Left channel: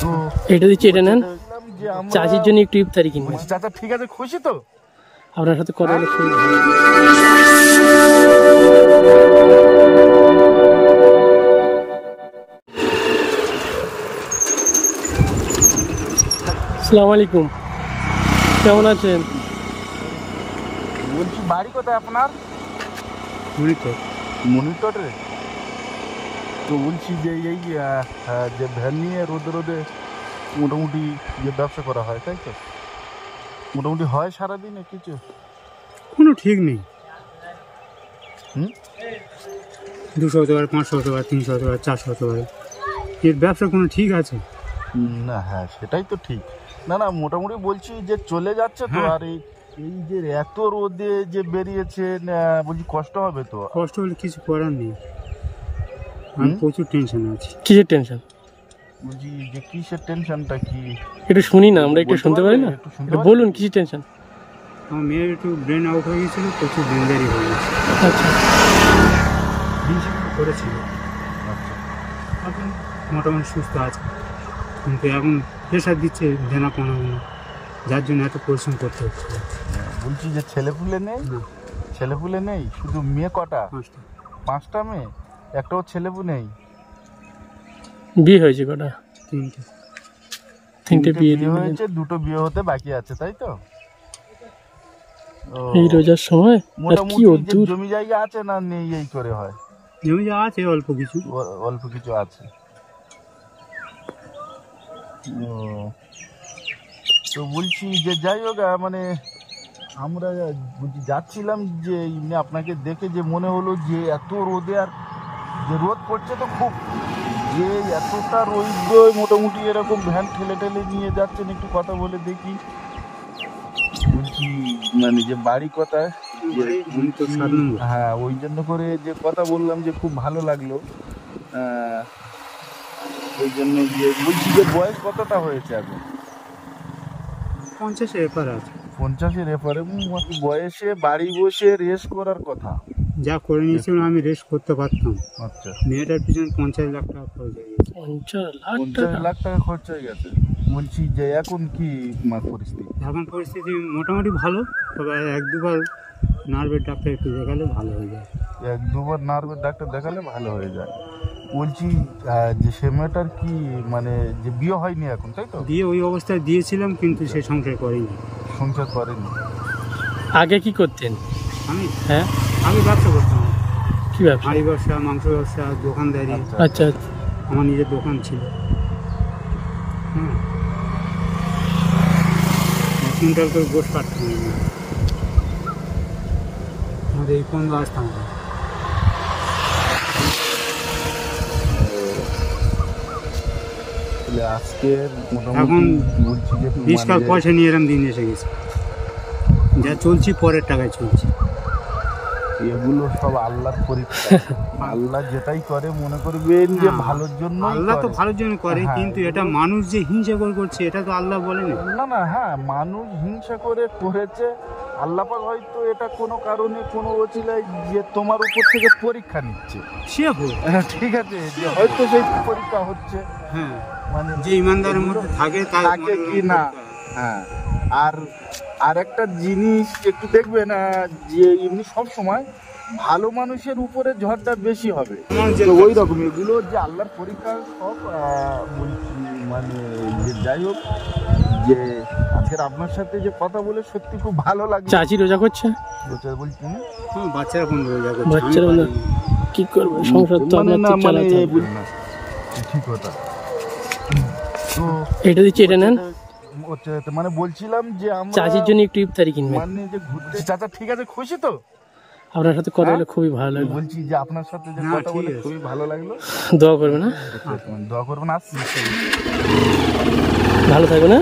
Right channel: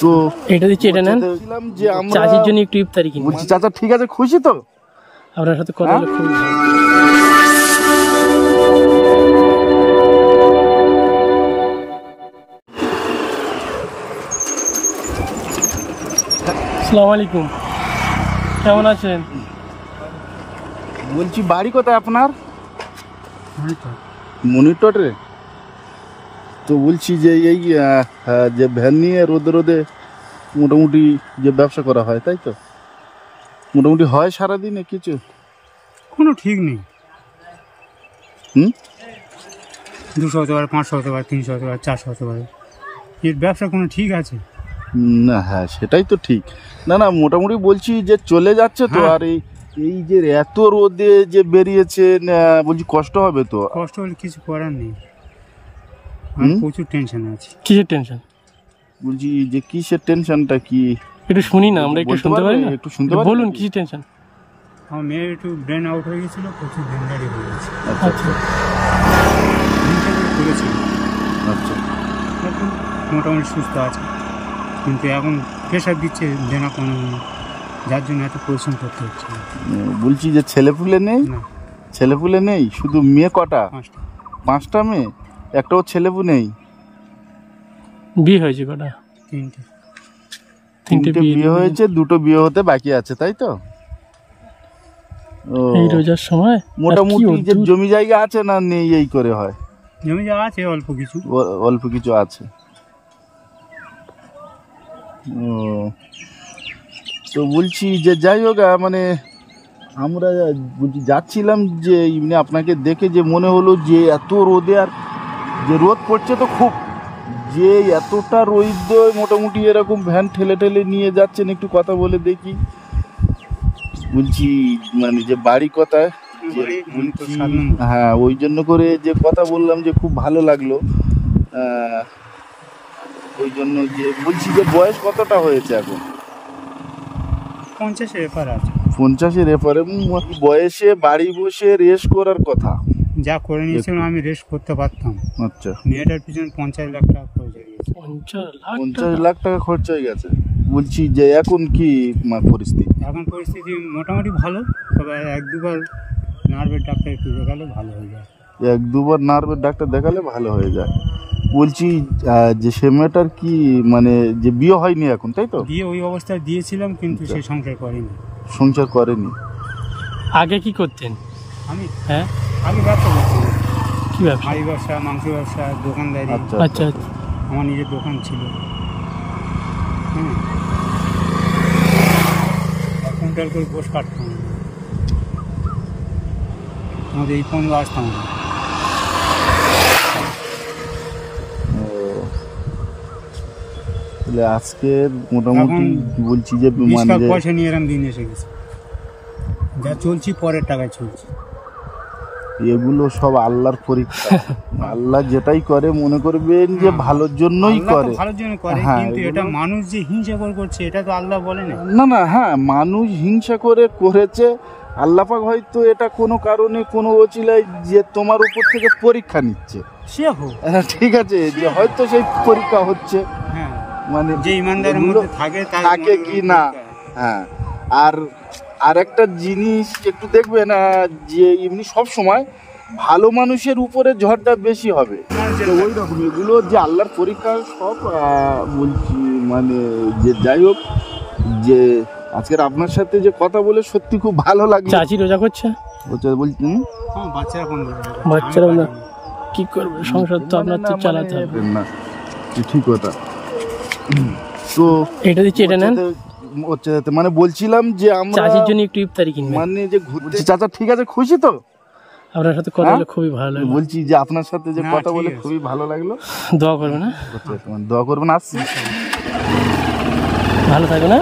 তো এটা দিচ্ছি, এটা নেন। চাচির জন্য একটু ইফতারি কিনবো। চাচা ঠিক আছে, খুশি তো? আপনার সাথে কথা বলে খুবই ভালো। আসসালামু আলাইকুম, কেমন আছেন? বলছি বাড়ি কোথায় আপনার? মনিটর। মনিটরে? তো বলছি যে এই যে ভ্যান নিয়ে রোদে রোদে মোটামুটি যে ব্যবসা করা হয়, তাই তো? মোটামুটি হয় সারাদিনে কিছু? কোনো ঠিক নেই। 200 হতে পারে, 500 হতে পারে, 300 হতে পারে, 400 হতে পারে। এর ব্যবসা কোনো ঠিক আছে না? হ্যাঁ, সেটাই তো ঠিক। না না, মোটামুটি বলছি যে চলে যাচ্ছে তো। আর এই যে এত রোদে যে বেরিয়েছেন, বলছি কষ্ট হবে তো? কষ্ট হলে কিছু করার নেই, আমি প্রচুর টেনশন আছে। কিসের টেনশন? বলছি যে কিসের টেনশনটা কি একটু শুনি না, আমরা একটু শুনতে পারি না? একটু শুনতে বলুন, কিসের টেনশন? আমার মেয়ের একটু ব্রেন আউট হয়ে গেছিল, প্রচুর ডেঞ্জারি হয়ে গেছে। আচ্ছা, হিংসা করে করেছিল। আচ্ছা, এখন মোটামুটি সুস্থ আছে, কিন্তু এখন প্রেশার দিচ্ছে দেনাপানা, যার জন্য এত পরিশ্রম করতে হচ্ছে। বলছি যে ছেলেপুলে নেই? না, ছেলেপুলে নেই, শুধু মেয়ে কটা? 5টা মেয়ে, একটাও ছেলেপু নেই? বিয়ে হয়েছে কটা? 3টে বিয়ে হয়েছে, 2টো বিয়ে হতে বাকি আছে, তাই তো? এই রোজার সময়। মোটামুটি জমি জায়গা আছে না নেই, এই করে হয়? জমি জায়গা আছে অল্প কিছু। অল্প কিছু আছে। তো বলছি যে যাই হোক, মানে আমরা যাচ্ছিলাম যে এমনি আপনাকে দেখে যে মনে হলো যে এত রোদে, আর যে রোদ পড়ছে তো খুব, যে এতটা রোদ, মোটামুটি এরকম ভ্যান ঠেলে ঠেলে নিয়ে যাচ্ছেন, একটু কথা বলে দেখি। বলছি মানে যে বাড়ি কোথায়? হ্যাঁ, ওই জন্য করে যে কথা বললাম যে খুব ভালো লাগলো। ওই জন্য যে বলছি যে বয়স কতটা হয়েছে এখন? 50-এর এপারে আছে। 50-এর এপারে বয়সে বাড়ি বসে রেস্ট করার কথা? যা করে নিয়েছিলাম আমি রেস্ট করতে পারতাম। আচ্ছা, মেয়েটার পিছনে 50 লাখ টাকা খরচ হয়ে গেছে। 50 লাখ টাকা খরচ হয়ে গেছে। বলছি যে এখন কি পরিস্থিতি? এখন পরিস্থিতি মোটামুটি ভালো, তবে 1-2বার নার্ভের ডাক্তার একটু দেখালে ভালো হয়ে যায়। 1-2বার নার্ভের ডাক্তার দেখালে ভালো হয়ে যায়। বলছি যে সে মেয়েটার কি মানে যে বিয়ে হয়নি এখন, তাই তো? বিয়ে ওই অবস্থায় দিয়েছিলাম, কিন্তু সে সংসার করেনি। সংসার করেনি? আগে কি করতেন? আমি? হ্যাঁ, আগে ব্যবসা করতাম। কি ব্যবসা? হাঁড়ি ব্যবসা, মাংস ব্যবসা, দোকানদারি। আচ্ছা, আমার নিজের দোকান ছিল। 1 কুইন্টাল করে গোশ কাটতাম আমাদের এই পর্যন্ত আসতাম। আজকে মোটামুটি বলছি যে 20 টাকা পয়সা নিয়ে এরকম দিন এসে গেছে। যা চলছি পরের টাকায় চলছি। এগুলো সব আল্লাহর পরীক্ষা। আল্লাহ যেটাই করে মনে করবেন যে ভালোর জন্যই করে। আল্লাহ তো ভালোর জন্য করে, কিন্তু এটা মানুষ যে হিংসা করছে এটা তো আল্লাহ বলেনি। না না, হ্যাঁ, মানুষ হিংসা করে করেছে। আল্লাহ পাক হয়তো এটা কোনো কারণে কোনো ওসিলায় যে তোমার উপর থেকে পরীক্ষা নিচ্ছে। সে হোক, ঠিক আছে, যে হয়তো সেই পরীক্ষা হচ্ছে। হ্যাঁ, মানে যে ইমানদারের মধ্যে থাকে তাকে কি না। হ্যাঁ, আর একটা জিনিস একটু দেখবেন, যে এমনি সব সময় ভালো মানুষের উপরে ঝড়টা বেশি হবে, ওই রকম এগুলো যে আল্লাহর পরীক্ষা সব। বলছি মানে যে যাই হোক, যে আজকের আপনার সাথে যে কথা বলে সত্যি খুব ভালো লাগলো। চাচি রোজা করছে? বলছি বাচ্চারা বন্ধ হয়ে যাবে। বাচ্চারা কি করবে, সংসার তো আপনার তো চালাতে হবে না। ঠিক কথা। তো এটা দিচ্ছি, এটা নেন। মানে বলছিলাম যে আমরা চাচির জন্য একটু ইফতারি কিনবেন। মানে যে ঘুরতে। চাচা ঠিক আছে, খুশি তো? আপনার সাথে কথা বলে খুবই ভালো লাগলো। বলছি যে আপনার সাথে যে কথা বলে খুবই ভালো লাগলো। দোয়া করবেন। না দোয়া করবেন। আসছি, ভালো থাকবেন। না